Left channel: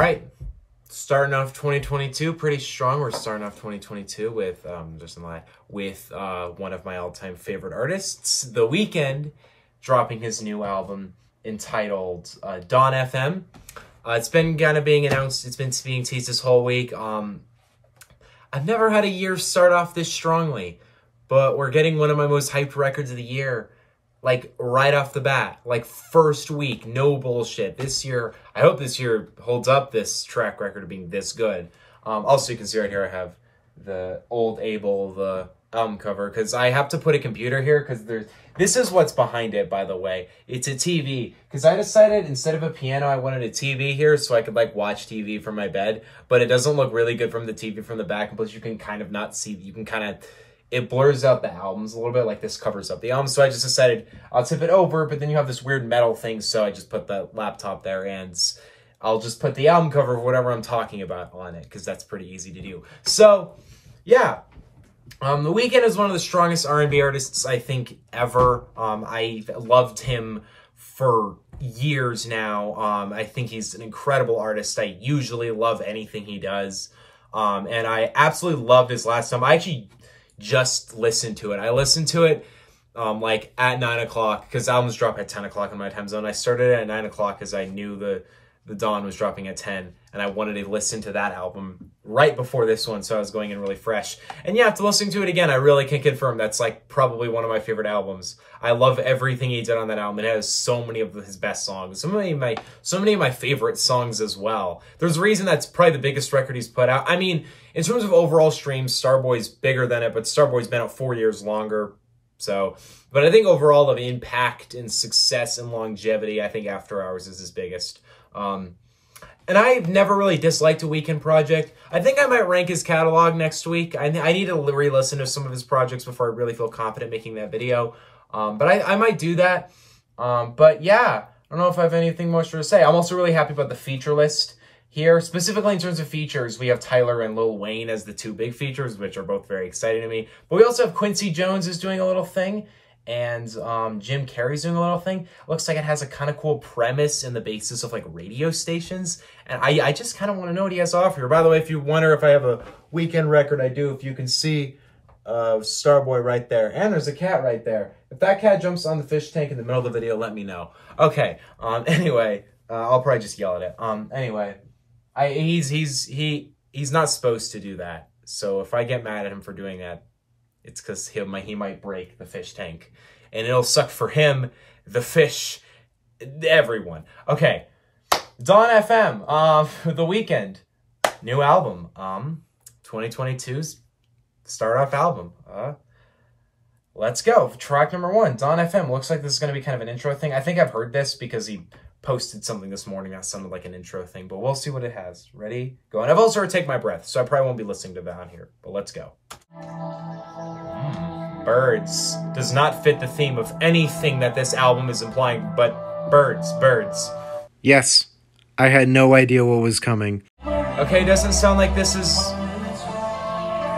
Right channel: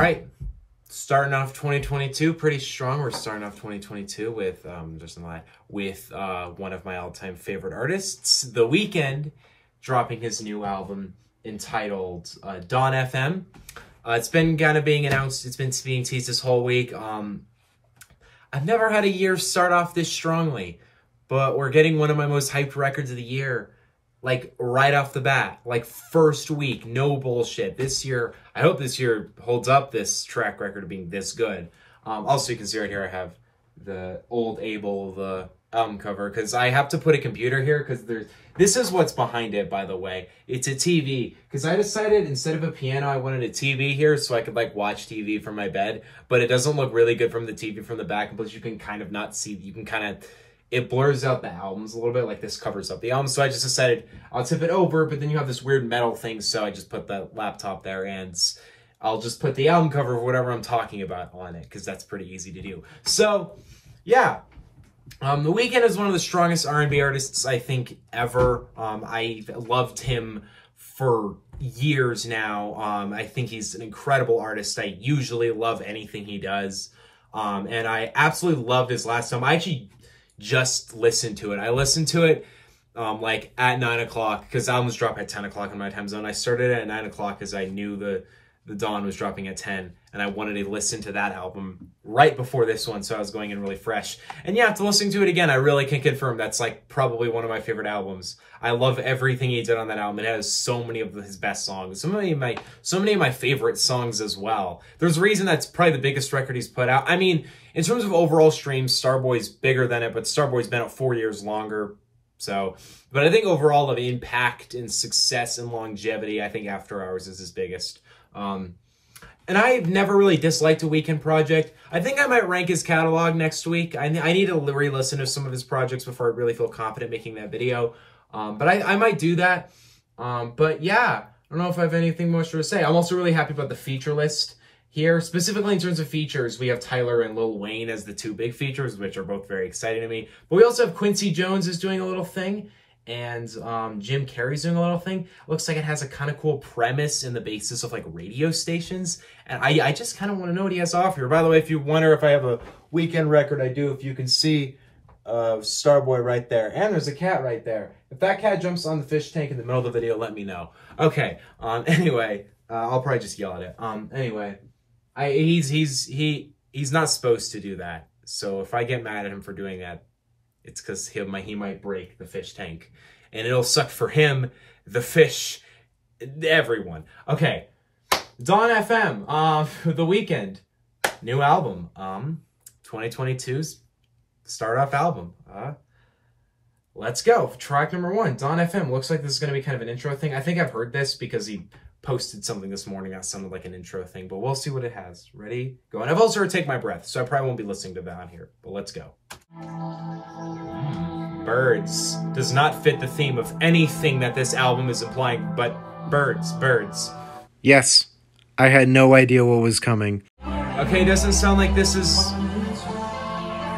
right, starting off 2022 pretty strong. We're starting off 2022 with one of my all-time favorite artists, The Weeknd, dropping his new album entitled Dawn FM. It's been kind of being announced. It's been being teased this whole week. I've never had a year start off this strongly, but we're getting one of my most hyped records of the year, like right off the bat, like first week, no bullshit. This year, I hope this year holds up this track record of being this good. Also, you can see right here, I have the old ABEL, the album cover, because I have to put a computer here, because this is what's behind it, by the way. It's a TV, because I decided instead of a piano, I wanted a TV here so I could like watch TV from my bed, but it doesn't look really good from the TV from the back, and plus you can kind of not see, you can kind of, it blurs out the albums a little bit, like this covers up the album. So I just decided I'll tip it over, but then you have this weird metal thing, so I just put the laptop there, and I'll just put the album cover of whatever I'm talking about on it, because that's pretty easy to do. So, yeah. The Weeknd is one of the strongest R&B artists, I think, ever. I loved him for years now. I think he's an incredible artist. I usually love anything he does. And I absolutely loved his last time. I actually just listened to it. I listened to it like at 9 o'clock, because albums drop at 10 o'clock in my time zone. I started at 9 o'clock because I knew the Dawn was dropping at 10, and I wanted to listen to that album right before this one, so I was going in really fresh. And yeah, after listening to it again, I really can confirm that's like probably one of my favorite albums. I love everything he did on that album. It has so many of his best songs, so many of my favorite songs as well. There's a reason that's probably the biggest record he's put out. I mean, in terms of overall streams, Starboy's bigger than it, but Starboy's been out 4 years longer. So, but I think overall of impact and success and longevity, I think After Hours is his biggest. And I've never really disliked a Weeknd project. I think I might rank his catalog next week. I need to re-listen to some of his projects before I really feel confident making that video. But I might do that. But yeah, I don't know if I have anything much to say. I'm also really happy about the feature list here. Specifically in terms of features, we have Tyler and Lil Wayne as the two big features, which are both very exciting to me. But we also have Quincy Jones is doing a little thing. And Jim Carrey's doing a little thing. Looks like it has a kind of cool premise and the basis of like radio stations. And I just kind of want to know what he has to offer here. By the way, if you wonder if I have a Weeknd record, I do. If you can see Starboy right there. And there's a cat right there. If that cat jumps on the fish tank in the middle of the video, let me know. Okay. Anyway, I'll probably just yell at it. Anyway, he's not supposed to do that. So if I get mad at him for doing that, it's because he might break the fish tank. And it'll suck for him, the fish, everyone. Okay. Dawn FM, The Weeknd. New album. 2022's start-off album. Let's go. Track number 1, Dawn FM. Looks like this is going to be kind of an intro thing. I think I've heard this because he posted something this morning that sounded like an intro thing, but we'll see what it has. Ready? Go. And I've also heard Take My Breath, so I probably won't be listening to that on here, but let's go. Birds does not fit the theme of anything that this album is implying, but birds. Yes, I had no idea what was coming. Okay, doesn't sound like this is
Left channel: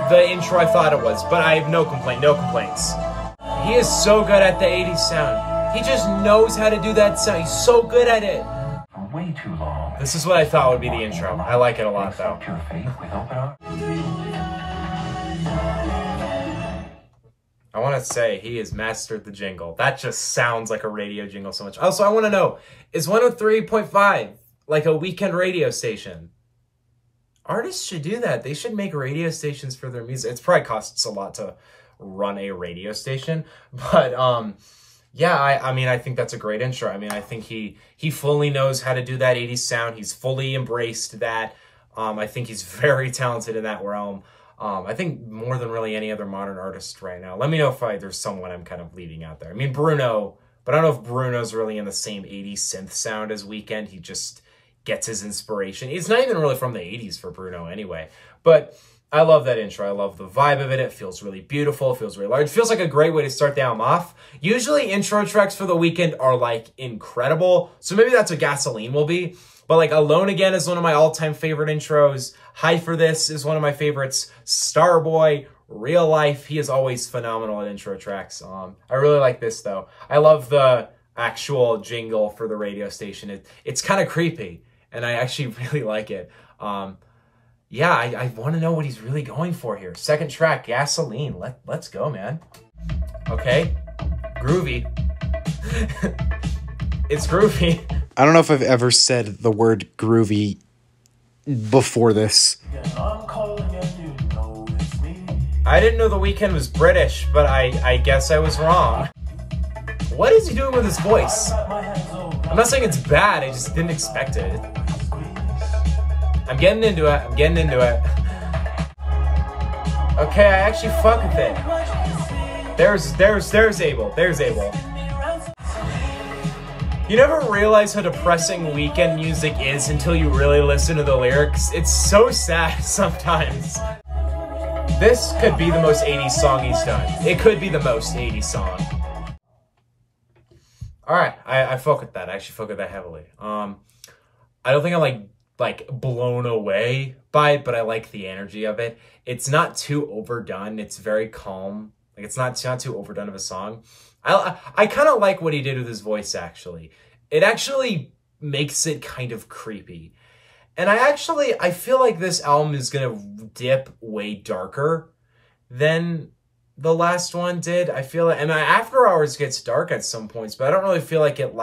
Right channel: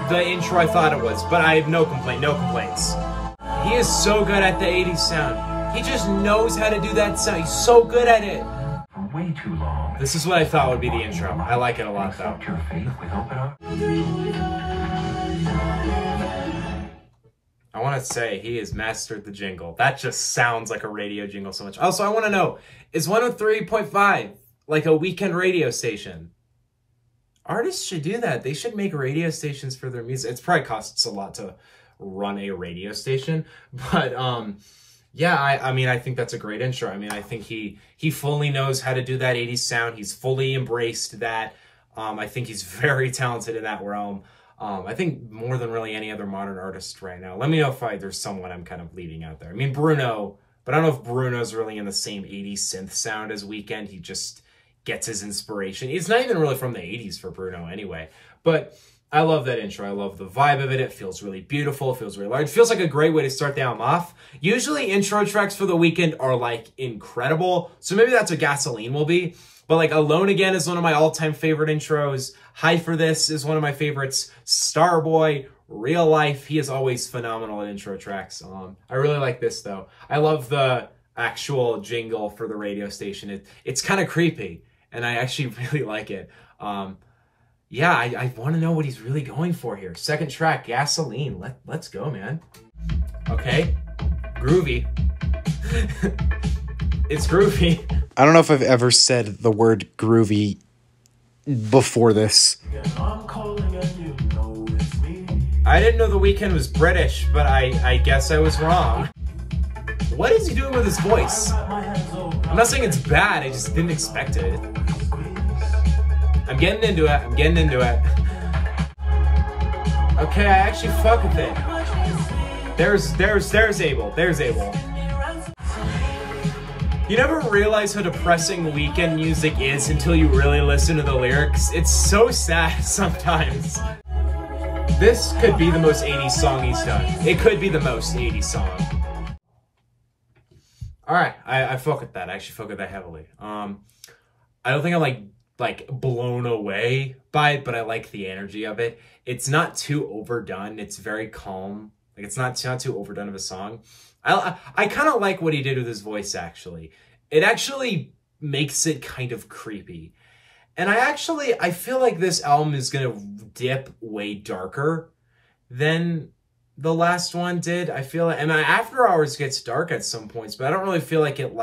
the intro I thought it was, but I have no complaints. He is so good at the 80s sound. He just knows how to do that sound. He's so good at it. For way too long. This is what I thought would be the intro. I like it a lot, though. Your faith with open I want to say he has mastered the jingle. That just sounds like a radio jingle so much. Also, I want to know, is 103.5 like a Weeknd radio station? Artists should do that. They should make radio stations for their music. It probably costs a lot to run a radio station. But, yeah, I mean, I think that's a great intro. I mean, I think he fully knows how to do that 80s sound. He's fully embraced that. I think he's very talented in that realm. I think more than really any other modern artist right now. Let me know if there's someone I'm kind of leaving out there. I mean, Bruno, but I don't know if Bruno's really in the same 80s synth sound as Weeknd. He just gets his inspiration. It's not even really from the 80s for Bruno anyway. But I love that intro. I love the vibe of it. It feels really beautiful. It feels really large. It feels like a great way to start the album off. Usually intro tracks for The Weeknd are like incredible. So maybe that's what Gasoline will be. But like Alone Again is one of my all-time favorite intros. High for This is one of my favorites. Starboy, Real Life, he is always phenomenal in intro tracks. I really like this though. I love the actual jingle for the radio station. It's kind of creepy. and I actually really like it. Yeah, I want to know what he's really going for here. Second track, Gasoline. Let's go, man. Okay, groovy. It's groovy. I don't know if I've ever said the word groovy before this. I didn't know The Weeknd was British, but I guess I was wrong. What is he doing with his voice? I'm not saying it's bad, I just didn't expect it. I'm getting into it, I'm getting into it. Okay, I actually fuck with it. There's ABEL, there's ABEL. You never realize how depressing Weeknd music is until you really listen to the lyrics. It's so sad sometimes. This could be the most 80s song he's done. It could be the most 80s song. Alright, I fuck with that. I actually fuck with that heavily. I don't think I'm like blown away by it, but I like the energy of it. It's not too overdone. It's very calm. Like it's not too overdone of a song. I kind of like what he did with his voice, actually. It actually makes it kind of creepy. And I feel like this album is going to dip way darker than the last one did. I feel like, and After Hours gets dark at some points, but I don't really feel like it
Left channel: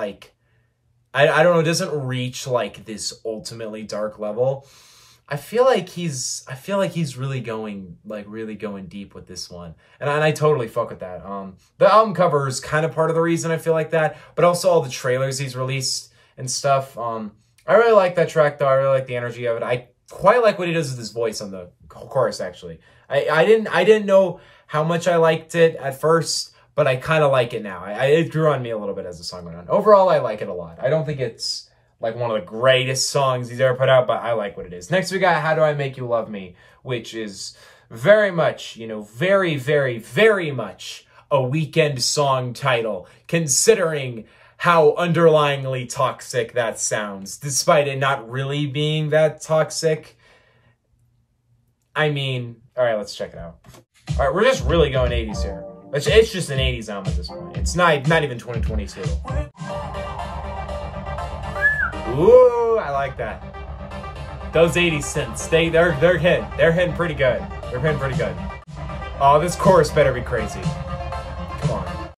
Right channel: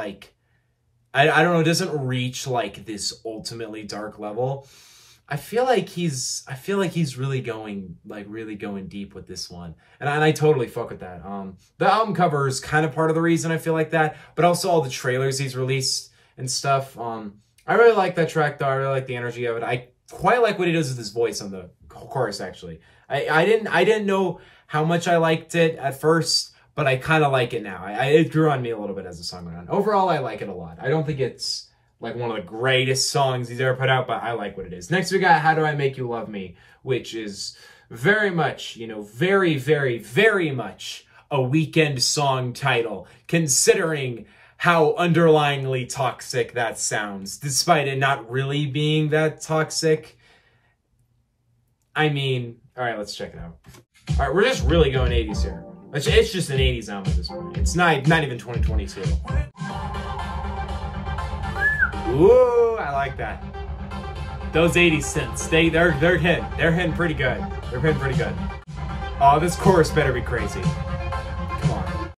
I don't know, it doesn't reach like this ultimately dark level. I feel like he's really going deep with this one. And I totally fuck with that. The album cover is kind of part of the reason I feel like that, but also all the trailers he's released and stuff. I really like that track though. I really like the energy of it. I quite like what he does with his voice on the chorus actually. I didn't know how much I liked it at first, but I kind of like it now. It grew on me a little bit as the song went on. Overall, I like it a lot. I don't think it's like one of the greatest songs he's ever put out, but I like what it is. Next we got How Do I Make You Love Me, which is very much, you know, very, very, very much a Weeknd song title, considering how underlyingly toxic that sounds, despite it not really being that toxic. I mean, all right, let's check it out. All right, we're just really going 80s here. It's just an 80s album at this point. It's not even 2022. Ooh, I like that. Those 80s synths, they're hitting pretty good. They're hitting pretty good. Oh, this chorus better be crazy. Come on.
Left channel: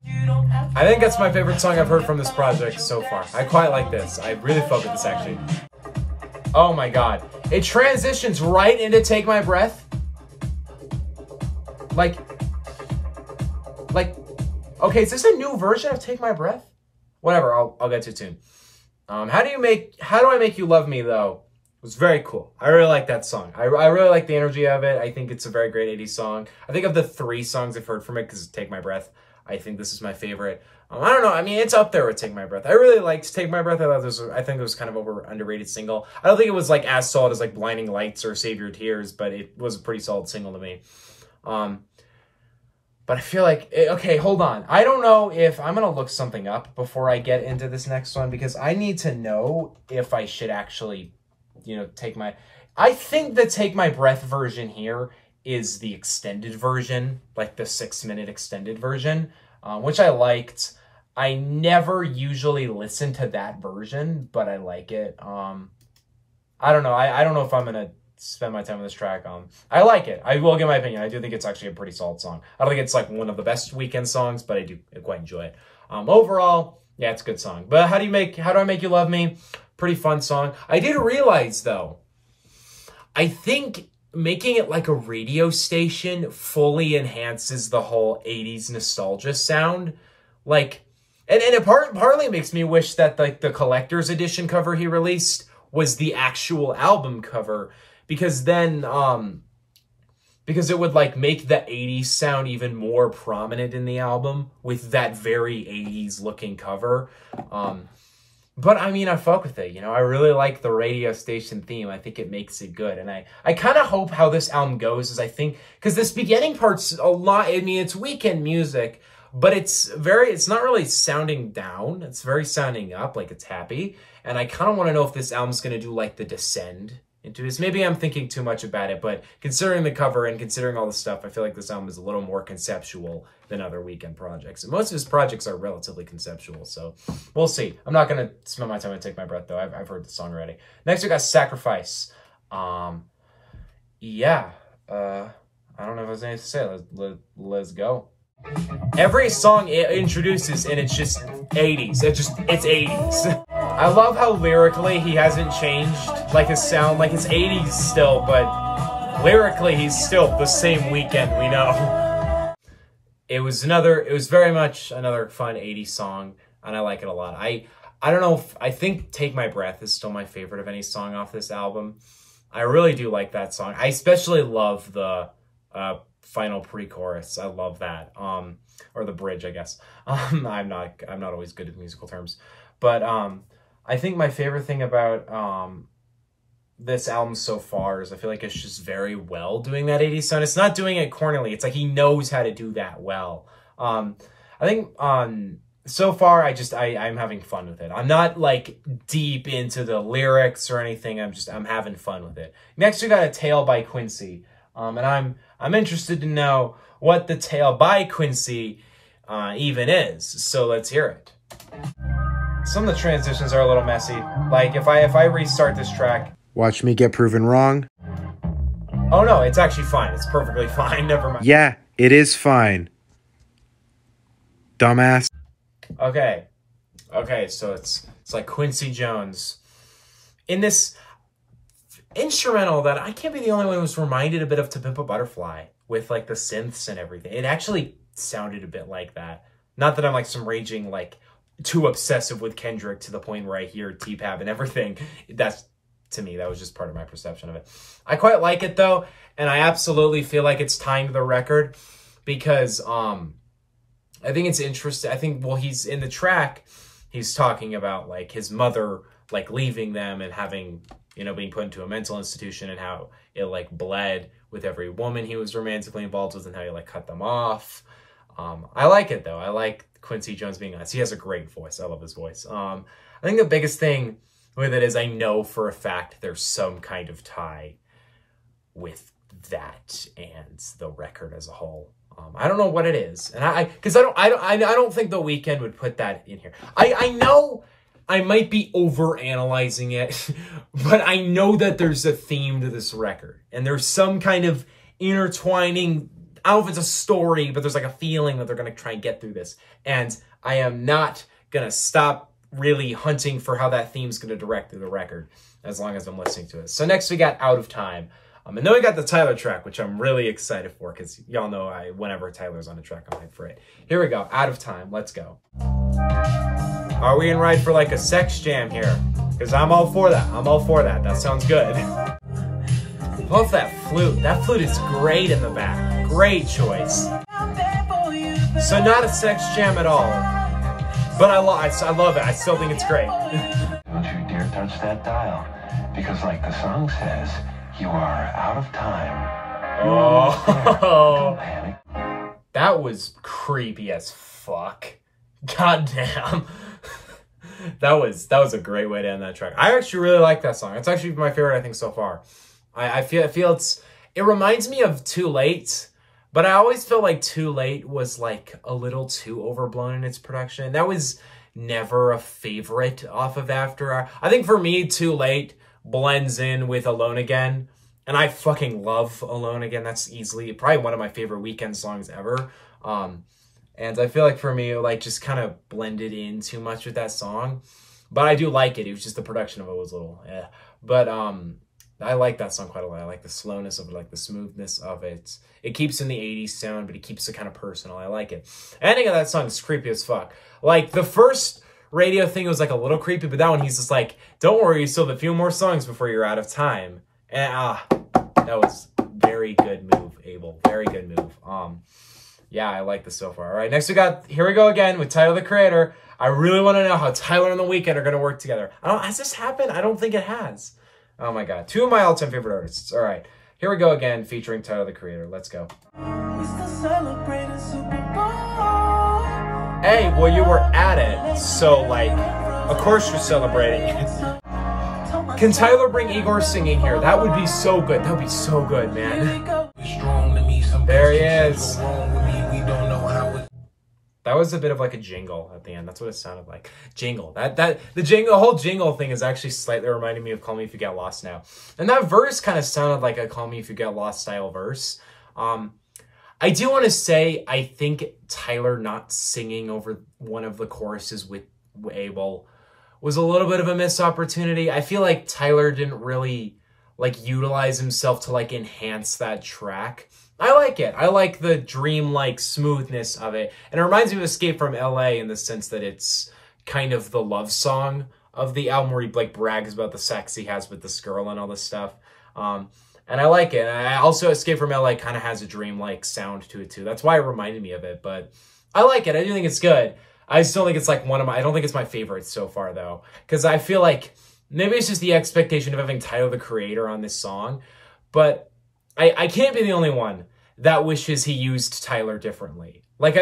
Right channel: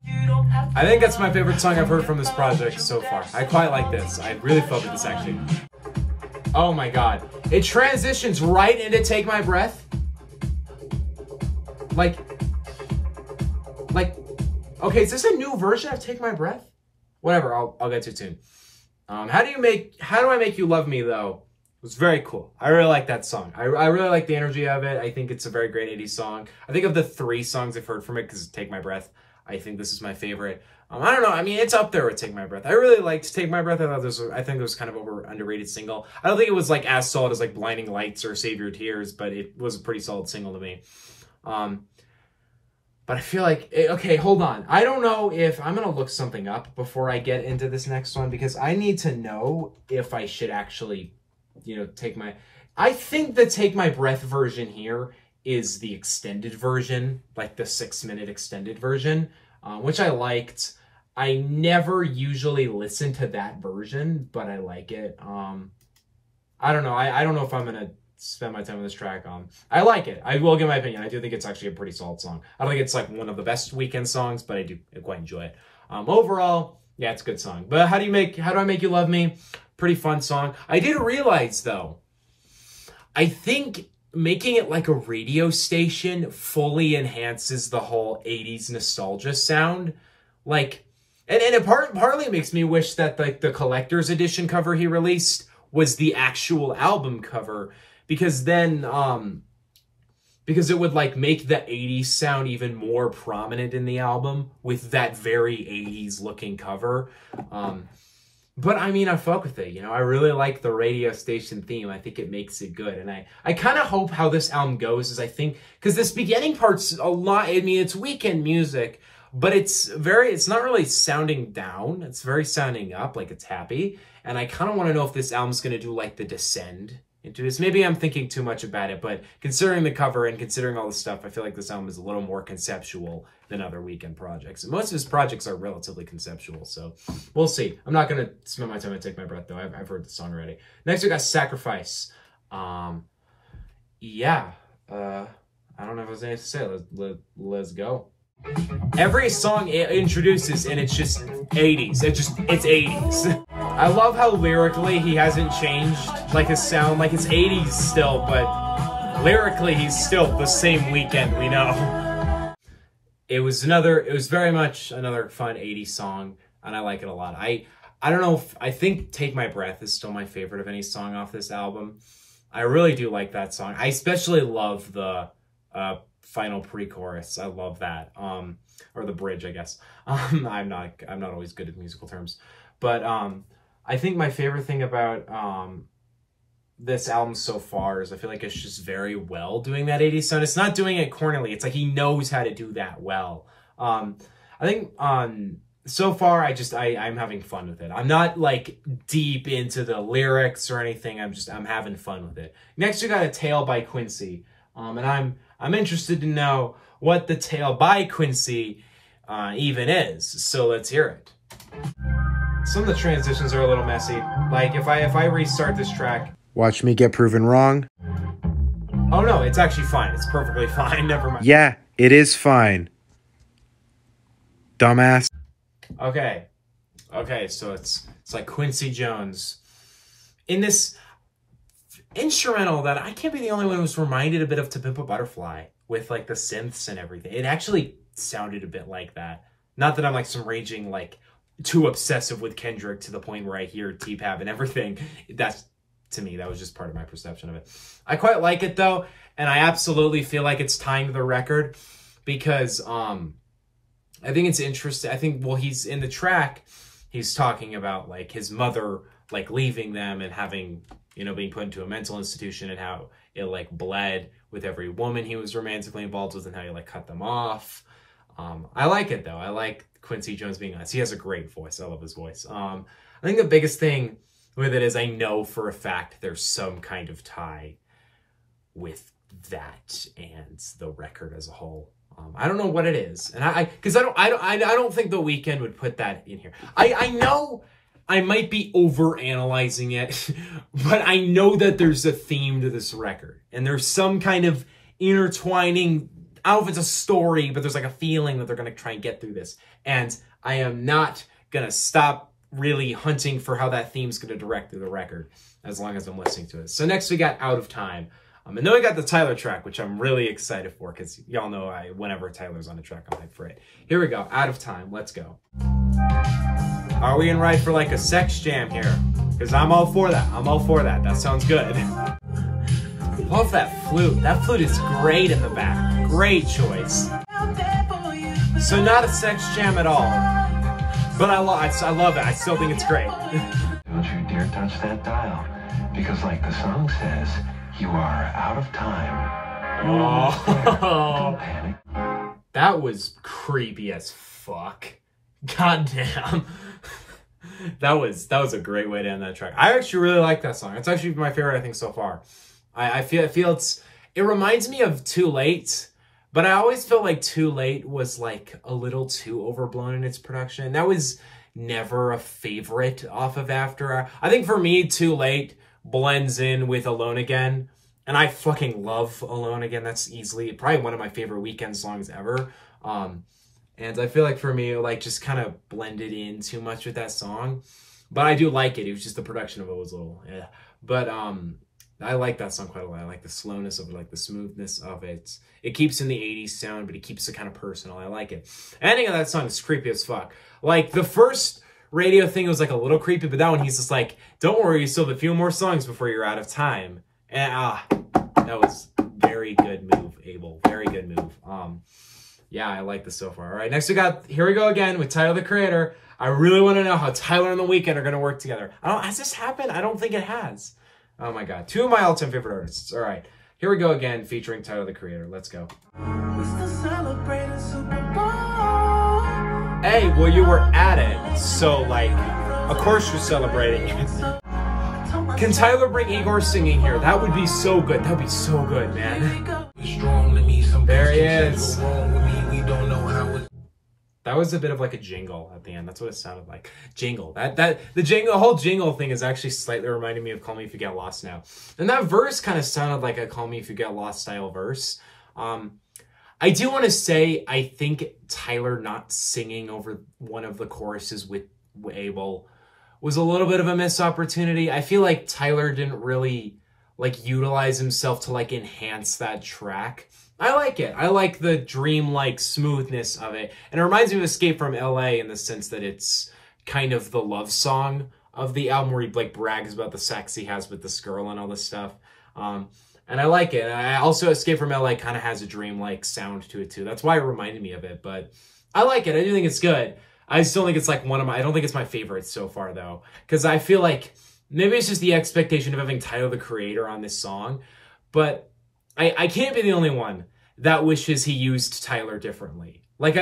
I think that's my favorite song I've heard from this project so far. I quite like this. I really fuck with this actually. Oh my god. It transitions right into Take My Breath. Like, okay, is this a new version of Take My Breath? Whatever, I'll get to it soon. How Do I Make You Love Me, though, was very cool. I really like that song. I really like the energy of it. I think it's a very great 80s song. I think of the 3 songs I've heard from it, because Take My Breath, I think this is my favorite. I don't know, I mean, it's up there with Take My Breath. I really liked Take My Breath. I think it was kind of underrated single. I don't think it was like as solid as like Blinding Lights or Save Your Tears, but it was a pretty solid single to me. But I feel like, okay, hold on. I don't know if, I'm going to look something up before I get into this next one, because I need to know if I should actually, you know, I think the Take My Breath version here is the extended version, like the 6-minute extended version, which I liked. I never usually listen to that version, but I like it. I don't know. I don't know if I'm going to spend my time on this track. I like it. I will give my opinion. I do think it's actually a pretty solid song. I don't think it's like one of the best Weeknd songs, but I do quite enjoy it. Overall, yeah, it's a good song. But How Do I Make You Love Me? Pretty fun song. I did realize though, I think making it like a radio station fully enhances the whole 80s nostalgia sound. Like, and it partly makes me wish that like the collector's edition cover he released was the actual album cover, because then, because it would like make the 80s sound even more prominent in the album with that very 80s looking cover. But I mean, I fuck with it, you know, I really like the radio station theme. I think it makes it good. And I kind of hope how this album goes is, I think, because this beginning part's a lot, I mean, it's Weeknd music, but it's not really sounding down. It's very sounding up, like it's happy. And I kind of want to know if this album's going to do like the Descend into this. Maybe I'm thinking too much about it, but considering the cover and considering all the stuff, I feel like this album is a little more conceptual than other Weeknd projects. And most of his projects are relatively conceptual, so we'll see. I'm not going to spend my time and take my breath, though. I've heard the song already. Next, we got Sacrifice. Yeah. I don't know if there's anything to say. Let's go. Every song it introduces, and it's just 80s. It's 80s. I love how lyrically he hasn't changed, like his sound, like it's 80s still, but lyrically he's still the same Weeknd we know. It was very much another fun 80s song, and I like it a lot. I don't know I think Take My Breath is still my favorite of any song off this album. I really do like that song. I especially love the final pre-chorus. I love that. Or the bridge, I guess. I'm not always good at musical terms. But I think my favorite thing about this album so far is I feel like it's just very well doing that 80s sound. It's not doing it cornily. It's like he knows how to do that well. I think so far I'm having fun with it. I'm not like deep into the lyrics or anything. I'm having fun with it. Next we got A Tale by Quincy. And I'm interested to know what The Tale by Quincy even is. So let's hear it. Some of the transitions are a little messy. Like if I restart this track. Watch me get proven wrong. Oh no, it's actually fine. It's perfectly fine. Never mind. Yeah, it is fine. Dumbass. Okay, so it's like Quincy Jones in this instrumental that I can't be the only one who was reminded a bit of To Pimp a Butterfly with like the synths and everything. It actually sounded a bit like that. Not that I'm like some raging like too obsessive with Kendrick to the point where I hear T-Pab and everything. That's, to me, that was just part of my perception of it. I quite like it though, and I absolutely feel like it's tying to the record because I think it's interesting. I think, well, he's in the track, he's talking about like his mother like leaving them and having, you know, being put into a mental institution and how it like bled with every woman he was romantically involved with and how he like cut them off. I like it though. I like Quincy Jones being honest. He has a great voice. I love his voice. I think the biggest thing with it is I know for a fact there's some kind of tie with that and the record as a whole. I don't know what it is, and I don't think The Weeknd would put that in here. I know I might be over analyzing it, but I know that there's a theme to this record, and there's some kind of intertwining. I don't know if it's a story, but there's like a feeling that they're gonna try and get through this, and I am not gonna stop really hunting for how that theme's gonna direct through the record as long as I'm listening to it. So next we got Out of Time. And then we got the Tyler track, which I'm really excited for because y'all know whenever Tyler's on a track, I'm hyped for it. Here we go. Out of Time. Let's go. Are we in right for like a sex jam here? Because I'm all for that. I'm all for that. That sounds good. Love that flute. That flute is great in the back. Great choice. So not a sex jam at all. But I love it. I still think it's great. Don't you dare touch that dial. Because like the song says, you are out of time. Oh, that was creepy as fuck. God damn. That was a great way to end that track. I actually really like that song. It's actually my favorite, I think, so far. I feel it reminds me of Too Late, but I always feel like Too Late was like a little too overblown in its production. That was never a favorite off of After. I think for me, Too Late blends in with Alone Again, and I fucking love Alone Again. That's easily probably one of my favorite Weeknd songs ever. And I feel like for me, like just kind of blended in too much with that song, but I do like it. It was just the production of it was a little, but I like that song quite a lot. I like the slowness of it, like the smoothness of it. It keeps in the 80s sound, but it keeps it kind of personal. I like it. Ending of that song is creepy as fuck. Like the first radio thing was like a little creepy, but that one he's just like, don't worry, you still have a few more songs before you're out of time. And that was very good move, Abel. Very good move. Yeah, I like this so far. All right, next we got Here We Go Again with Tyler, the Creator. I really want to know how Tyler and The Weeknd are going to work together. Has this happened? I don't think it has. Oh my God, two of my all-time favorite artists. All right, Here We Go Again featuring Tyler, the Creator. Let's go. Hey, well, you were at it, so like, of course you're celebrating. Can Tyler bring Igor singing here? That would be so good. That would be so good, man. There he is. That was a bit of like a jingle at the end. That's what it sounded like. Jingle. The whole jingle thing is actually slightly reminding me of Call Me If You Get Lost now. And that verse kind of sounded like a Call Me If You Get Lost style verse. I do want to say, I think Tyler not singing over one of the choruses with ABEL was a little bit of a missed opportunity. I feel like Tyler didn't really like utilize himself to like enhance that track. I like it. I like the dream-like smoothness of it. And it reminds me of Escape from LA in the sense that it's kind of the love song of the album where he like brags about the sex he has with this girl and all this stuff. And I like it. I also, Escape from LA kind of has a dream-like sound to it too. That's why it reminded me of it, but I like it. I do think it's good. I still think it's like I don't think it's my favorite so far though. Because I feel like maybe it's just the expectation of having Tyler the Creator on this song. But I can't be the only one that wishes he used Tyler differently. Like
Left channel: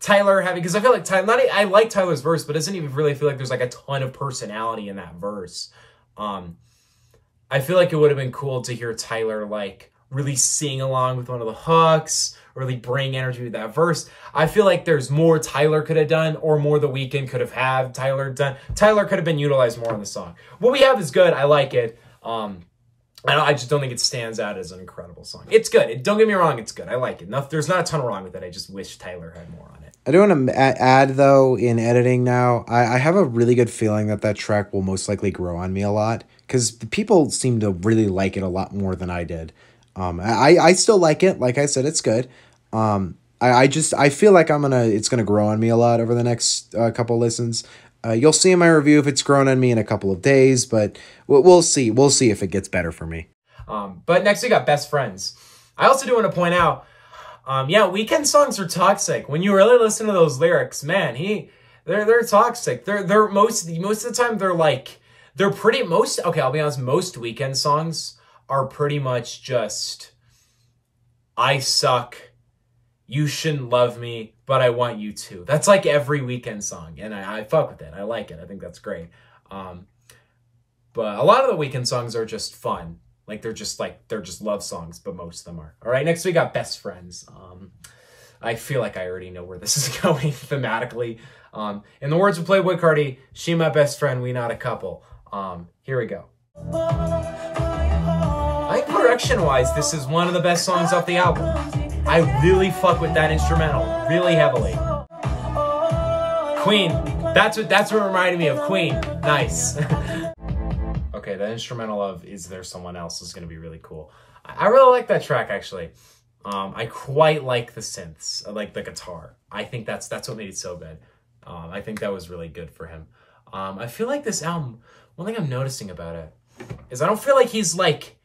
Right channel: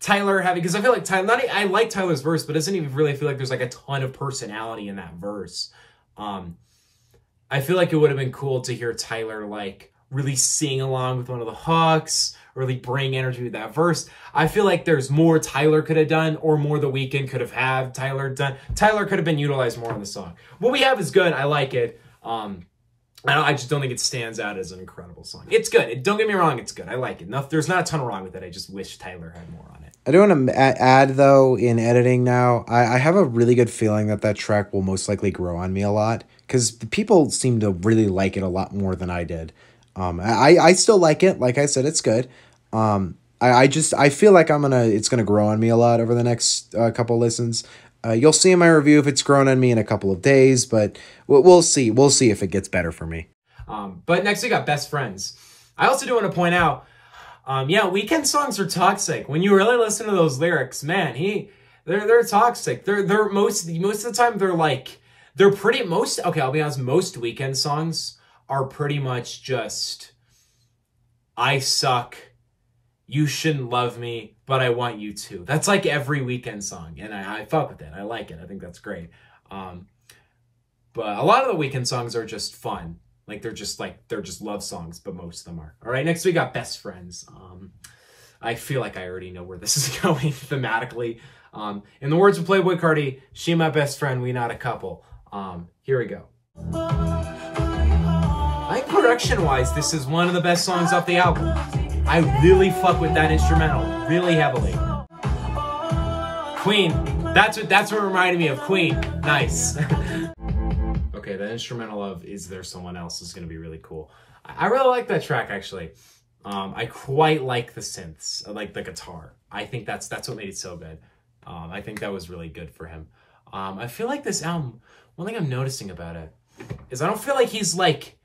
Tyler having, because I feel like I like Tyler's verse, but it doesn't even really feel like there's like a ton of personality in that verse. I feel like it would have been cool to hear Tyler like really sing along with one of the hooks, really bring energy to that verse. I feel like there's more Tyler could have done, or more The Weeknd could have had Tyler done. Tyler could have been utilized more in the song. What we have is good. I like it. I just don't think it stands out as an incredible song. It's good. Don't get me wrong. It's good. I like it. There's not a ton wrong with it. I just wish Tyler had more on it. I do want to add, though, in editing now, I have a really good feeling that track will most likely grow on me a lot, because people seem to really like it a lot more than I did. I still like it. Like I said, it's good. I feel like it's gonna grow on me a lot over the next couple listens. You'll see in my review if it's grown on me in a couple of days, but we'll see. We'll see if it gets better for me. But next we got Best Friends. I also do want to point out, Weeknd songs are toxic. When you really listen to those lyrics, man, they're toxic. They're most of the time I'll be honest, most Weeknd songs are pretty much just, I suck, you shouldn't love me, but I want you to. That's like every Weeknd song, and I fuck with it. I like it. I think that's great. But a lot of the Weeknd songs are just fun. They're just love songs, but most of them are. All right, next we got Best Friends. I feel like I already know where this is going thematically. In the words of Playboi Carti, she my best friend, we not a couple. Here we go. I think production-wise, this is one of the best songs off the album. I really fuck with that instrumental really heavily. Queen. That's what reminded me of Queen. Nice. Okay, the instrumental of Is There Someone Else is going to be really cool. I really like that track, actually. I quite like the synths. I like the guitar. I think that's what made it so good. I think that was really good for him. I feel like this album, one thing I'm noticing about it is I don't feel like he's like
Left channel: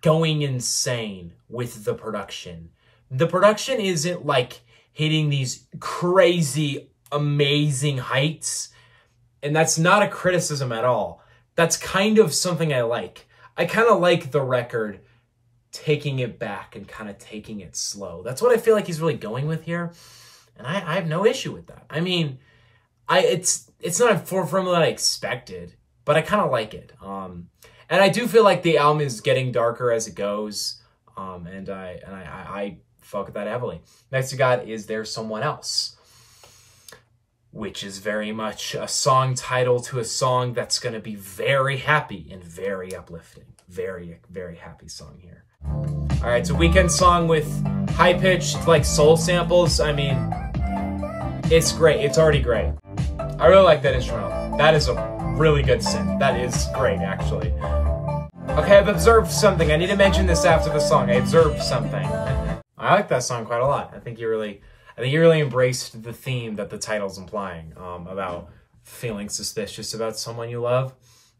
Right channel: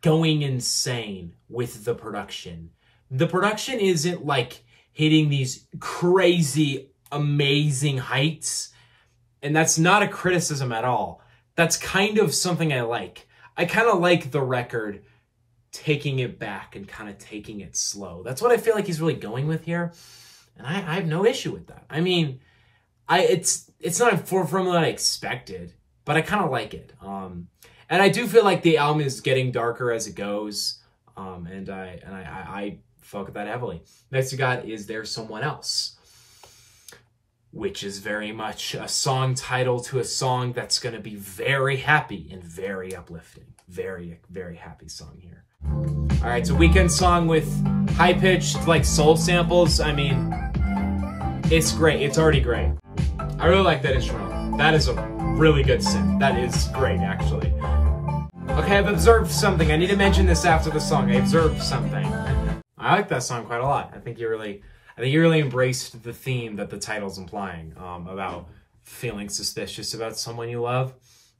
going insane with the production. The production isn't like hitting these crazy, amazing heights. And that's not a criticism at all. That's kind of something I like. I kind of like the record taking it back and kind of taking it slow. That's what I feel like he's really going with here. And I have no issue with that. I mean, it's not a formula I expected, but I kind of like it. And I do feel like the album is getting darker as it goes. And I fuck with that heavily. Next we got Is There Someone Else? Which is very much a song title to a song that's going to be very happy and very uplifting. Very, very happy song here. All right, it's a Weeknd song with high-pitched, like, soul samples. I mean, it's great. It's already great. I really like that instrumental. That is a really good synth. That is great, actually. Okay, I've observed something. I need to mention this after the song. I observed something. I like that song quite a lot. I think you really embraced the theme that the title's implying, about feeling suspicious about someone you love.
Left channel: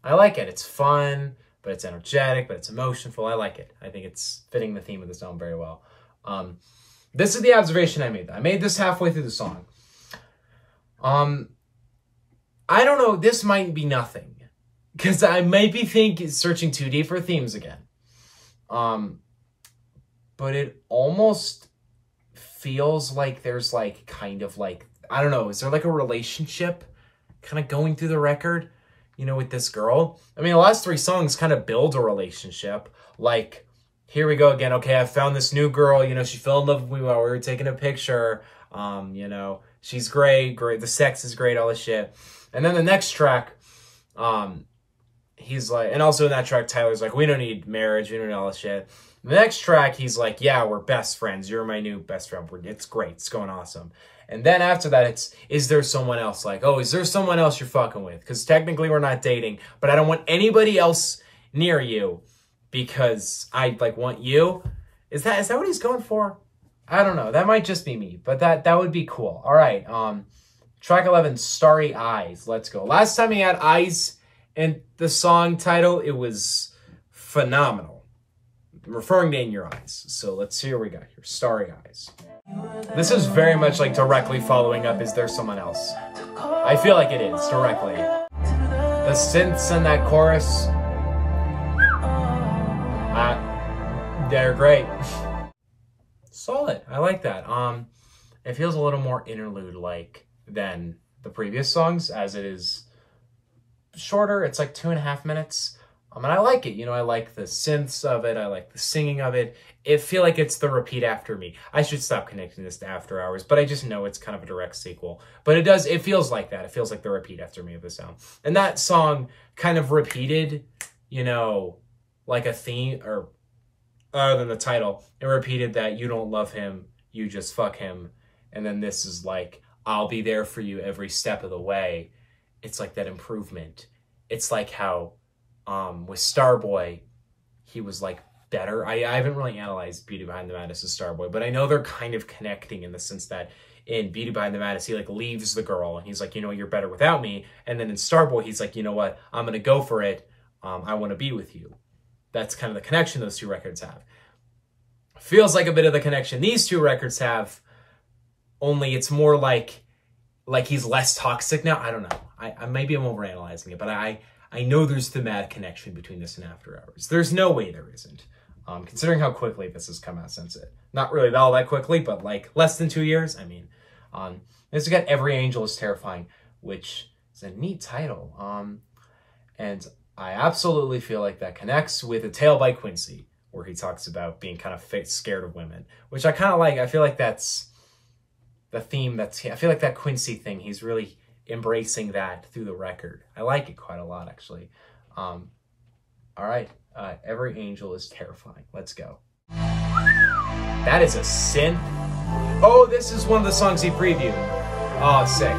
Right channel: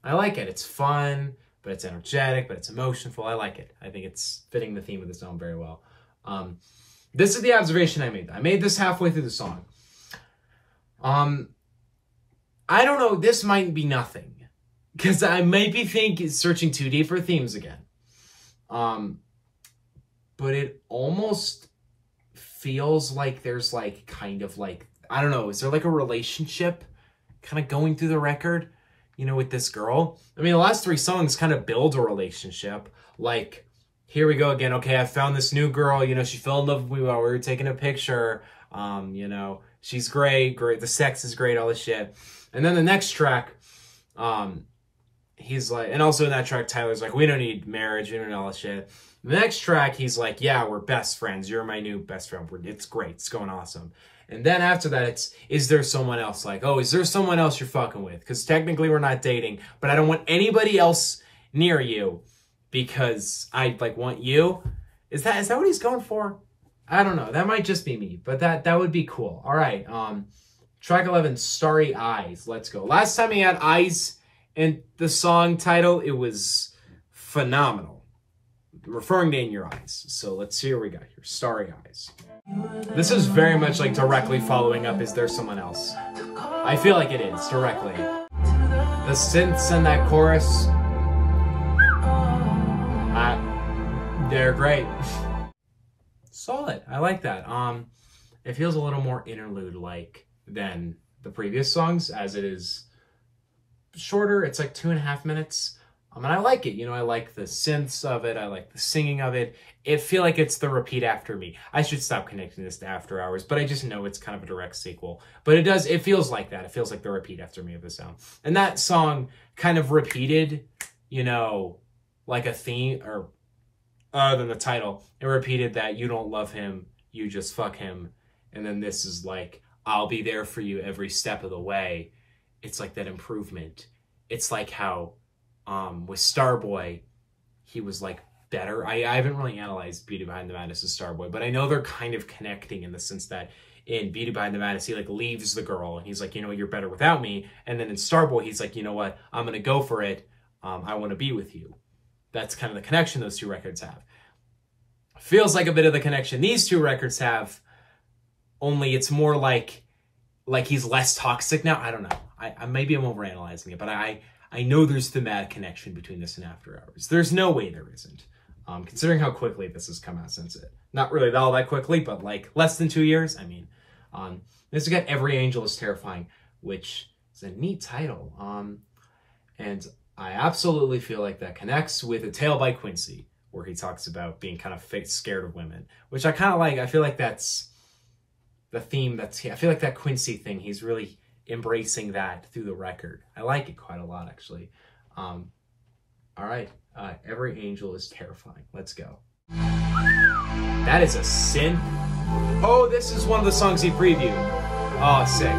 I like it. It's fun, but it's energetic, but it's emotional. I like it. I think it's fitting the theme of the song very well. This is the observation I made. I made this halfway through the song. I don't know. This might be nothing, because I might be searching too deep for themes again. But it almost feels like there's like, kind of like, I don't know, is there like a relationship kind of going through the record? you know, with this girl. I mean, the last 3 songs kind of build a relationship. Like, here we go again. Okay, I found this new girl. You know, she fell in love with me while we were taking a picture. You know, she's great. The sex is great, all this shit. And then the next track, he's like, and also in that track, Tyler's like, we don't need marriage. We don't need all this shit. The next track, he's like, yeah, we're best friends. You're my new best friend. It's great. It's going awesome. And then after that, it's, is there someone else? Like, oh, is there someone else you're fucking with? Because technically we're not dating, but I don't want anybody else near you because I, like, want you. Is that what he's going for? I don't know. That might just be me, but that would be cool. All right. Track 11, Starry Eyes. Let's go. Last time he had eyes in the song title, it was phenomenal. Referring to In Your Eyes. So let's see what we got here. Starry Eyes. This is very much like directly following up Is There Someone Else? I feel like it is, directly. The synths in that chorus, they're great. Solid. I like that. It feels a little more interlude-like than the previous songs, as it is shorter. It's like 2.5 minutes. And I like it. You know, I like the synths of it. I like the singing of it. I feel like it's the repeat after me. I should stop connecting this to After Hours, but I just know it's kind of a direct sequel. But it feels like that. It feels like the repeat after me of the sound. And that song kind of repeated, you know, like a theme, or other than the title, it repeated that you don't love him, you just fuck him. And then this is like, I'll be there for you every step of the way. It's like that improvement. It's like how with Starboy, he was like better. I haven't really analyzed Beauty Behind the Madness of Starboy, but I know they're kind of connecting in the sense that in Beauty Behind the Madness, he like leaves the girl and he's like, you know, you're better without me. And then in Starboy, he's like, you know what, I'm going to go for it. I want to be with you. That's kind of the connection those 2 records have. Feels like a bit of the connection these 2 records have, only it's more like he's less toxic now. I don't know. I maybe I'm overanalyzing it, but I know there's thematic connection between this and After Hours. There's no way there isn't. Considering how quickly this has come out since it. Not really all that quickly, but like less than 2 years. I mean, this has got Every Angel is Terrifying, which is a neat title. And I absolutely feel like that connects with A Tale by Quincy, where he talks about being kind of scared of women, which I kind of like. I feel like that's the theme. I feel like that Quincy thing, he's really embracing that through the record. I like it quite a lot, actually. All right, Every Angel is Terrifying. Let's go. That is a synth. Oh, this is one of the songs he previewed. Oh, sick.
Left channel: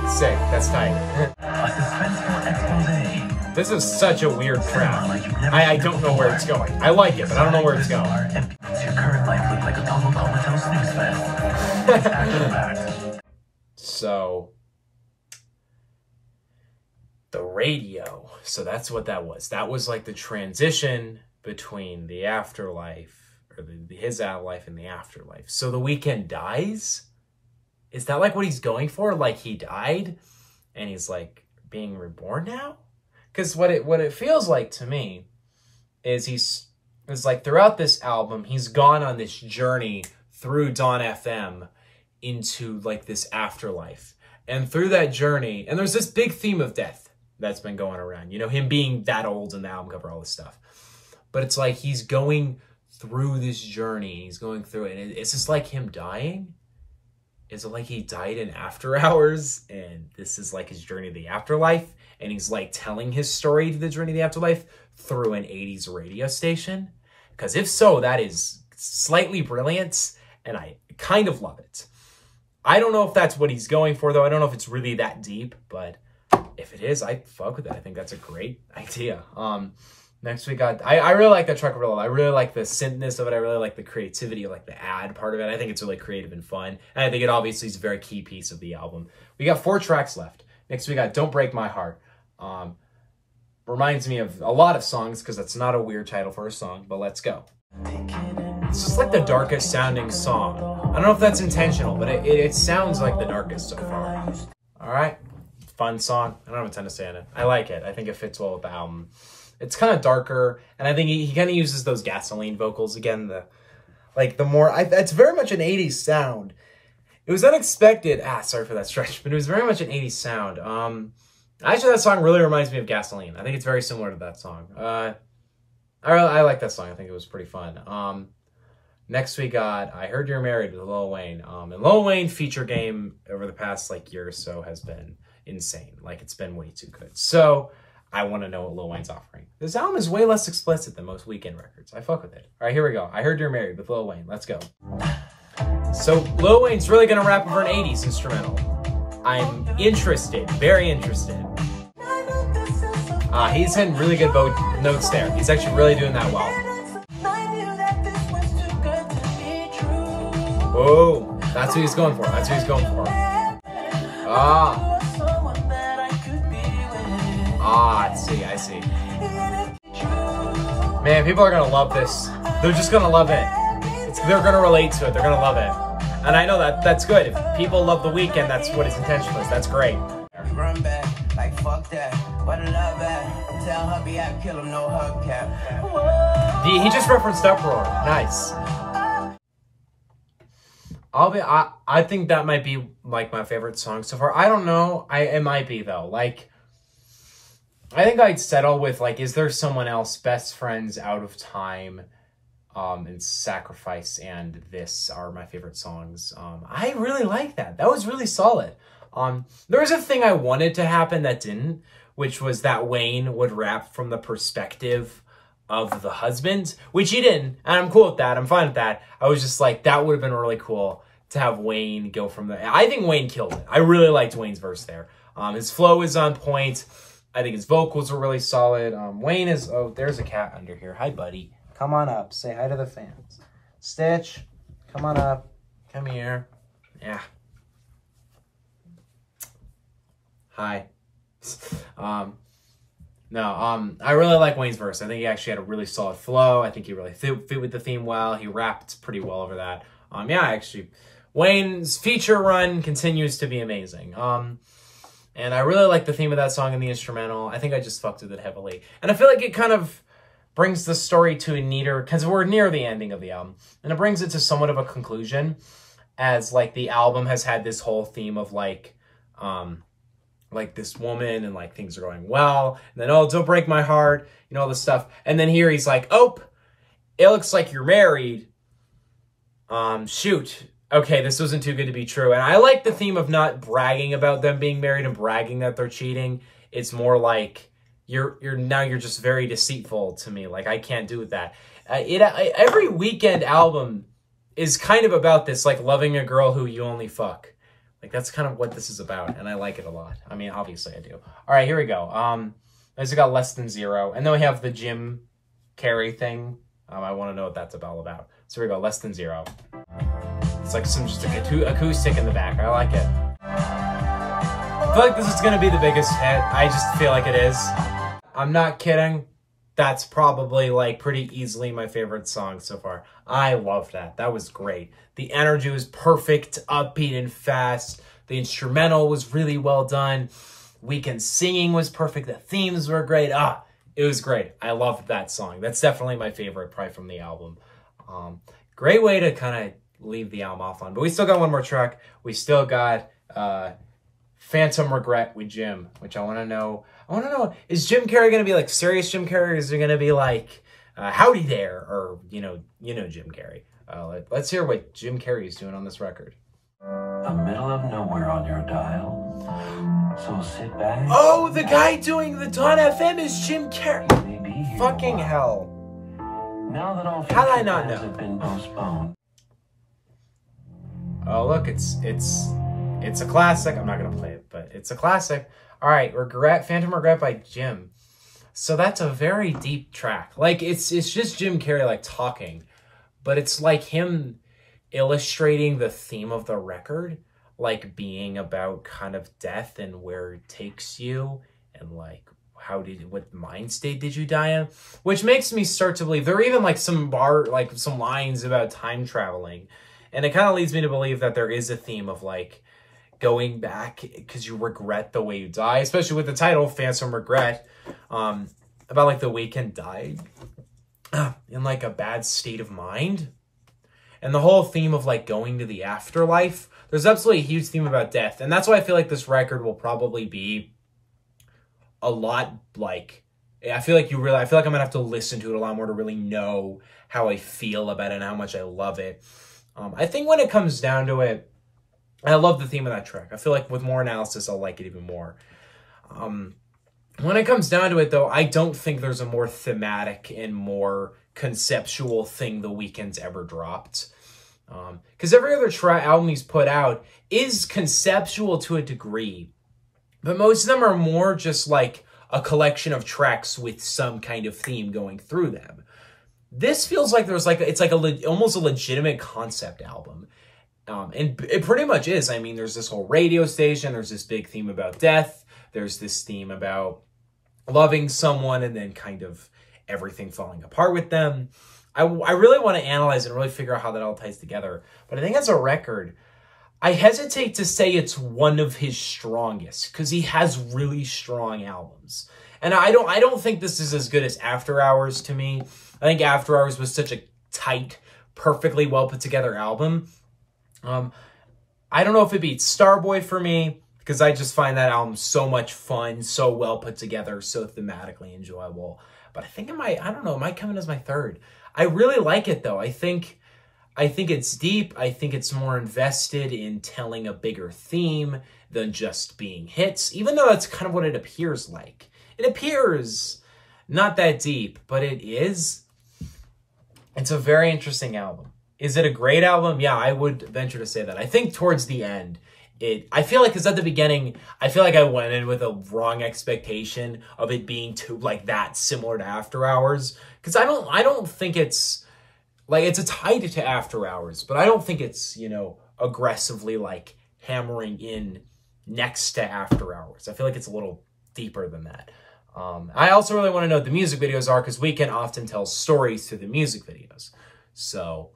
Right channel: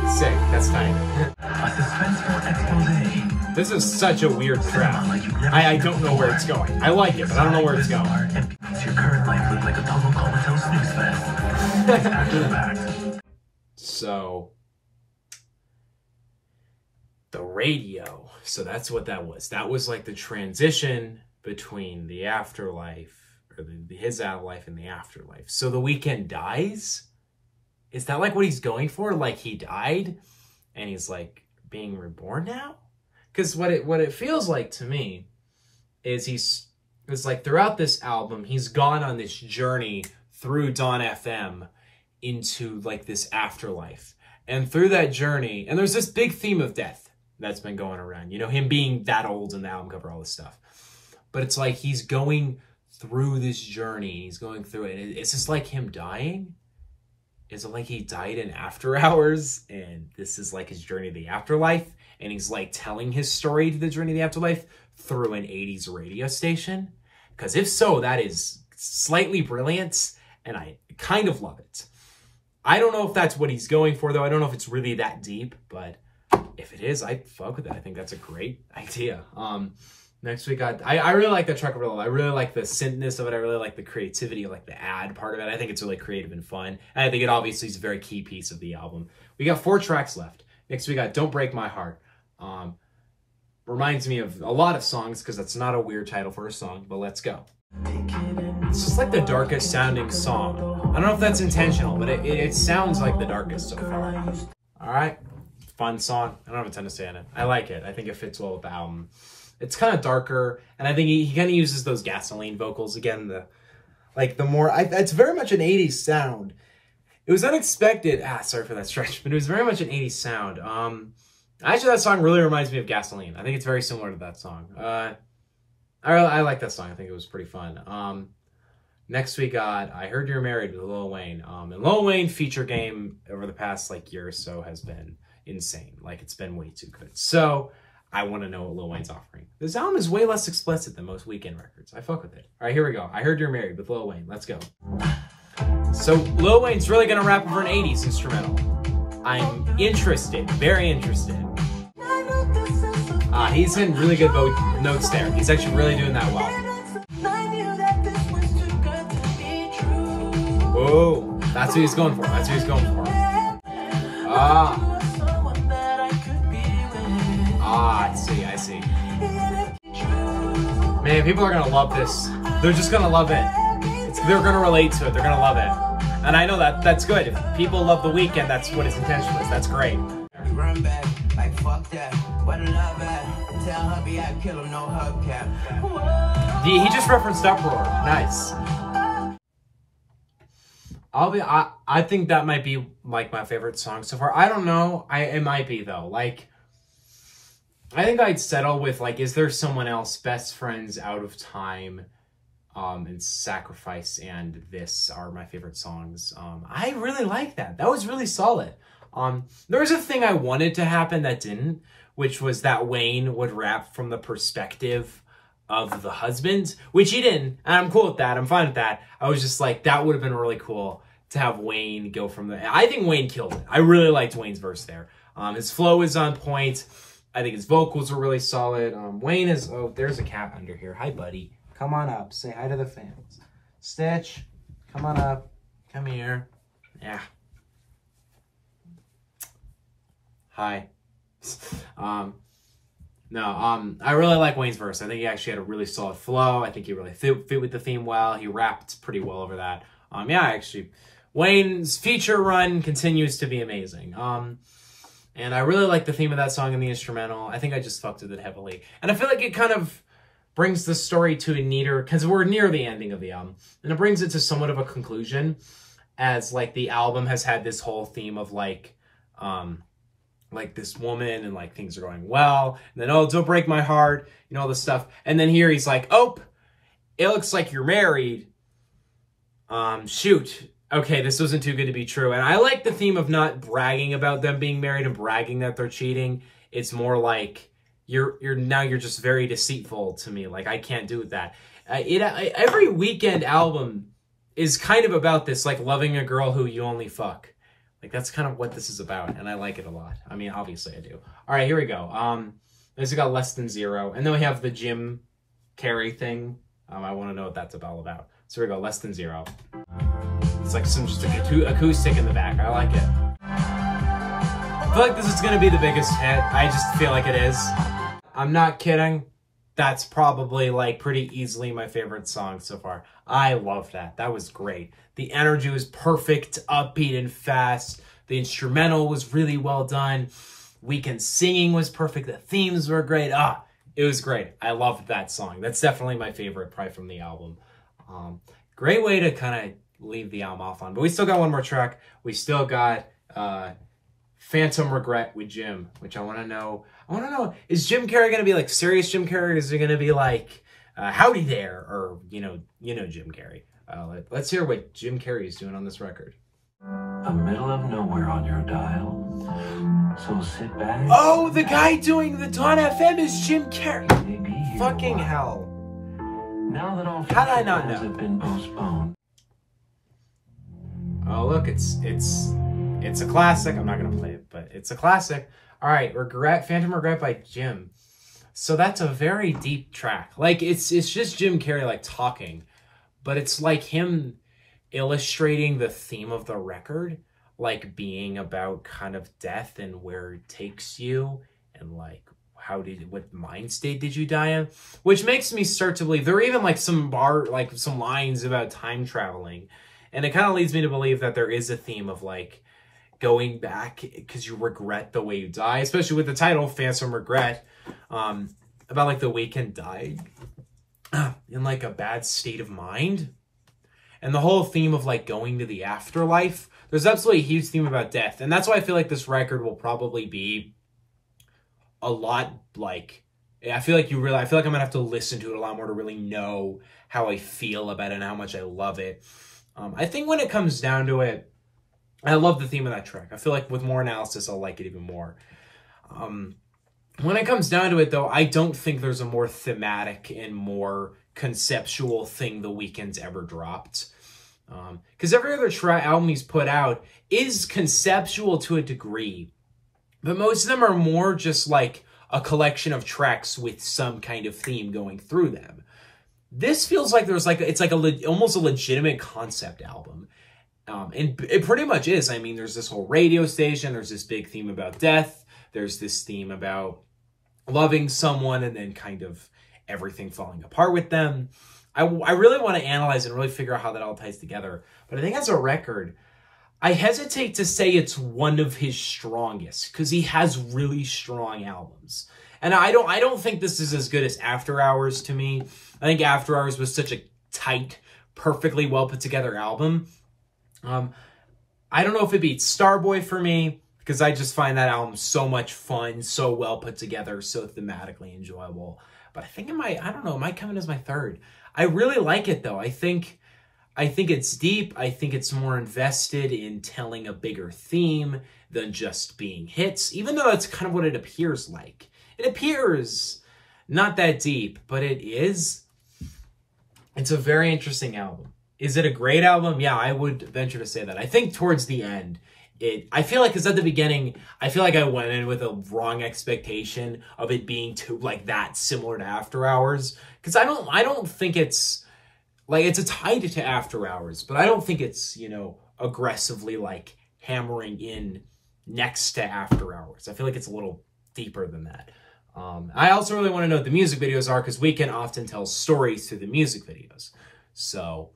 That's tight. This is such a weird track. I don't know where it's going. I like it, but I don't know where it's going. Your current life looked like a total comatose snooze fest. After the fact. So, the radio. So that's what that was. That was like the transition between the afterlife, or his life and the afterlife. So the Weeknd dies? Is that like what he's going for? Like he died and he's like being reborn now? Because what it feels like to me is it's like throughout this album, he's gone on this journey through Dawn FM into like this afterlife. And through that journey, and there's this big theme of death that's been going around, you know, him being that old in the album cover, all this stuff. But it's like he's going through this journey, he's going through it. And it's just like him dying. Is it like he died in After Hours and this is like his journey to the afterlife? And he's like telling his story to the journey to the afterlife through an 80s radio station? Because if so, that is slightly brilliant and I kind of love it. I don't know if that's what he's going for though. I don't know if it's really that deep, but if it is, I'd fuck with it. I think that's a great idea. Next we got, I really like that track. I really like the synthness of it. I really like the creativity, like the ad part of it. I think it's really creative and fun. And I think it obviously is a very key piece of the album. We got 4 tracks left. Next we got Don't Break My Heart. Reminds me of a lot of songs because that's not a weird title for a song, but let's go. It's just like the darkest sounding song. I don't know if that's intentional, but it sounds like the darkest so far. All right. Fun song. I don't have a ton to say on it. I like it. I think it fits well with the album. It's kind of darker, and I think he kind of uses those gasoline vocals again. It's very much an 80s sound. It was unexpected. Sorry for that stretch, but it was very much an 80s sound. Actually, that song really reminds me of Gasoline. I think it's very similar to that song. I like that song. I think it was pretty fun. Next we got I Heard You're Married with Lil Wayne. And Lil Wayne feature game over the past like year or so has been insane. Like it's been way too good. So I want to know what Lil Wayne's offering. This album is way less explicit than most Weeknd records. I fuck with it. All right, here we go. I Heard You're Married with Lil Wayne. Let's go. So Lil Wayne's really gonna rap over an 80s instrumental. I'm interested, very interested. He's hitting really good notes there. He's actually really doing that well. Oh, that's what he's going for. That's what he's going for. I see. Man, people are gonna love this. They're just gonna love it. They're gonna relate to it. They're gonna love it. And I know that's good. If people love The Weeknd, that's what his intention is. That's great. Run back, like fuck that. What a love at. Tell hubby I kill him, no hubcap. He just referenced Uproar. Nice. I think that might be like my favorite song so far. I don't know. It might be though. Like I think I'd settle with like, is there someone else? Best Friends, Out of Time, and Sacrifice, and this are my favorite songs. I really like that. That was really solid. There was a thing I wanted to happen that didn't, which was that Wayne would rap from the perspective of the husband, which he didn't. And I'm cool with that. I'm fine with that. I was just like, that would have been really cool to have Wayne go from the... I think Wayne killed it. I really liked Wayne's verse there. His flow is on point. I think his vocals were really solid. Wayne is... Oh, there's a cat under here. Hi, buddy. Come on up. Say hi to the fans. Stitch, come on up. Come here. Yeah. Hi. I really like Wayne's verse. I think he actually had a really solid flow. I think he really fit with the theme well. He rapped pretty well over that. Wayne's feature run continues to be amazing. And I really like the theme of that song and the instrumental. I think I just fucked with it heavily. And I feel like it kind of brings the story to a neater, because we're near the ending of the album, and it brings it to somewhat of a conclusion, as like the album has had this whole theme of like this woman and like things are going well, and then, oh, don't break my heart, you know, all this stuff. And then here he's like, oh, it looks like you're married. Shoot. Okay, this wasn't too good to be true. And I like the theme of not bragging about them being married and bragging that they're cheating. It's more like you're just very deceitful to me. Like I can't do that. Every Weeknd album is kind of about this, like loving a girl who you only fuck. Like that's kind of what this is about, and I like it a lot. I mean, obviously I do. All right, here we go. I just got Less Than Zero, and then we have the Jim Carrey thing. I want to know what that's all about. So here we go, Less Than Zero. It's like some just like acoustic in the back. I like it. I feel like this is gonna be the biggest hit. I just feel like it is. I'm not kidding. That's probably like pretty easily my favorite song so far. I love that. That was great. The energy was perfect, upbeat and fast. The instrumental was really well done. Weeknd singing was perfect. The themes were great. It was great. I loved that song. That's definitely my favorite, probably from the album. Great way to kind of leave the album off on. But we still got one more track. We still got Phantom Regret with Jim, which I want to know. Is Jim Carrey going to be like serious Jim Carrey? Or is it going to be like howdy there? Or, you know Jim Carrey. Let's hear what Jim Carrey is doing on this record. The middle of nowhere on your dial. So sit back. Oh, the guy doing the Dawn FM is Jim Carrey. Fucking hell. Now that all how did I not know? have been postponed. Oh, look, it's a classic. I'm not going to play it, but it's a classic. All right, Phantom Regret by Jim. So that's a very deep track. Like, it's just Jim Carrey, like, talking. But it's like him illustrating the theme of the record, like, being about kind of death and where it takes you. And, like, what mind state did you die in? Which makes me start to believe. There are even, like, some lines about time traveling. And it kind of leads me to believe that there is a theme of, like, going back because you regret the way you die, especially with the title Phantom Regret, about like the Weeknd died in like a bad state of mind, and the whole theme of like going to the afterlife. There's absolutely a huge theme about death, and that's why I feel like this record will probably be a lot like, I feel like I'm gonna have to listen to it a lot more to really know how I feel about it and how much I love it. I think when it comes down to it, I love the theme of that track. I feel like with more analysis, I'll like it even more. When it comes down to it, though, I don't think there's a more thematic and more conceptual thing The Weeknd's ever dropped. Because every other album he's put out is conceptual to a degree, but most of them are more just like a collection of tracks with some kind of theme going through them. This feels like it's like almost a legitimate concept album. And it pretty much is. I mean, there's this whole radio station, there's this big theme about death, there's this theme about loving someone and then kind of everything falling apart with them. I really want to analyze and really figure out how that all ties together. But I think as a record, I hesitate to say it's one of his strongest because he has really strong albums. And I don't think this is as good as After Hours to me. I think After Hours was such a tight, perfectly well put together album. I don't know if it beats Starboy for me because I just find that album so much fun, so well put together, so thematically enjoyable. But I think it might come in as my third. I really like it though. I think it's deep. I think it's more invested in telling a bigger theme than just being hits, even though that's kind of what it appears like. It appears not that deep, but it is. It's a very interesting album. Is it a great album? Yeah, I would venture to say that. I think towards the end, I feel like, because at the beginning, I feel like I went in with a wrong expectation of it being too, like, that similar to After Hours. Because I don't think it's, like, it's a tied to After Hours, but I don't think it's, you know, aggressively, like, hammering in next to After Hours. I feel like it's a little deeper than that. I also really want to know what the music videos are, because Weeknd often tells stories through the music videos. So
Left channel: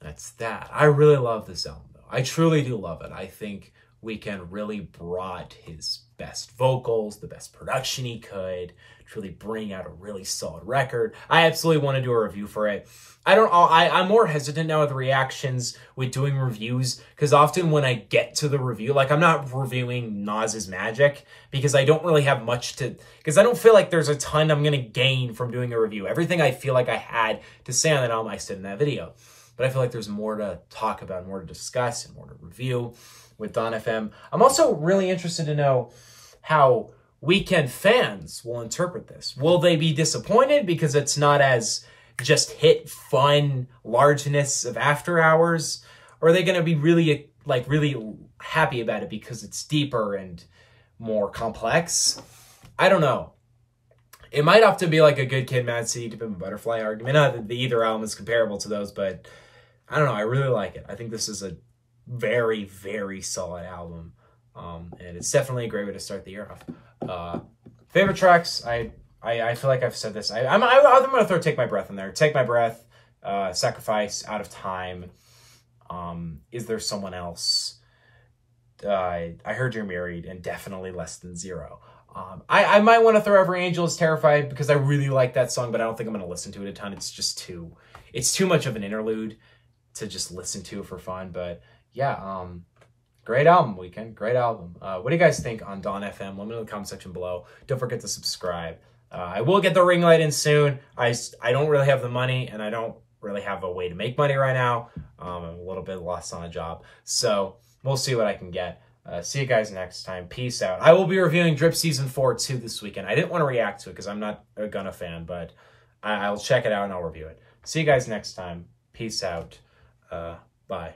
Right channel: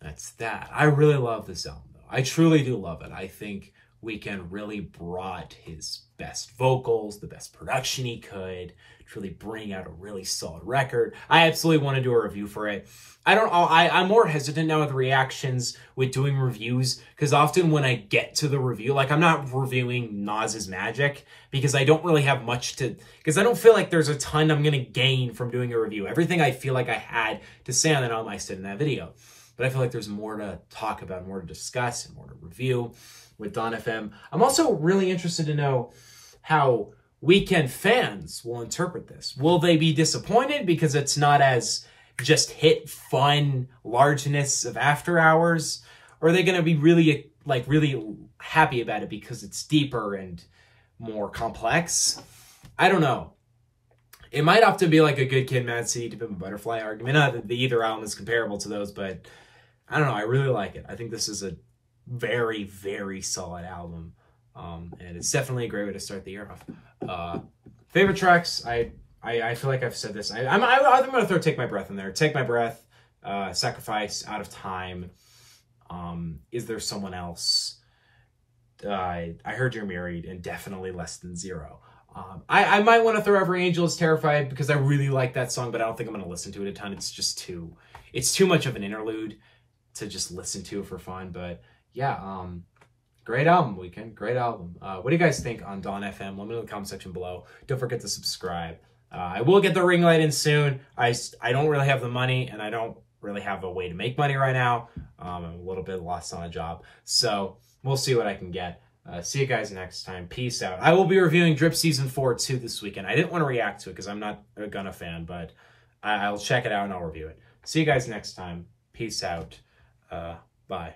that's that. I really love this album, though. I truly do love it. I think Weeknd really brought his best vocals, the best production he could, to really bring out a really solid record. I absolutely want to do a review for it. I'm more hesitant now with reactions, with doing reviews, because often when I get to the review, like, I'm not reviewing Nas's Magic, because I don't really have much to, because I don't feel like there's a ton I'm going to gain from doing a review. Everything I feel like I had to say on that album, I said in that video. But I feel like there's more to talk about, more to discuss, and more to review with Dawn FM. I'm also really interested to know how Weeknd fans will interpret this. Will they be disappointed because it's not as just hit, fun, largeness of After Hours? Or are they going to be really, like, really happy about it because it's deeper and more complex? I don't know. It might have to be like a Good Kid, Mad City, To Pimp a Butterfly argument. Not that either album is comparable to those, but I don't know. I really like it. I think this is a very, very solid album. And it's definitely a great way to start the year off. Favorite tracks, I feel like I've said this. I'm going to throw Take My Breath in there. Take My Breath, Sacrifice, Out of Time, Is There Someone Else, I Heard You're Married, and definitely Less Than Zero. I might want to throw Every Angel Is Terrified because I really like that song, but I don't think I'm going to listen to it a ton. It's just too much of an interlude to just listen to for fun. But yeah, great album, Weeknd. Great album. What do you guys think on Dawn FM? Let me know in the comment section below. Don't forget to subscribe. I will get the ring light in soon. I don't really have the money, and I don't really have a way to make money right now. I'm a little bit lost on a job. So we'll see what I can get. See you guys next time. Peace out. I will be reviewing Drip Season 4 too this weekend. I didn't want to react to it because I'm not a Gunna fan, but I'll check it out and I'll review it. See you guys next time. Peace out. Bye.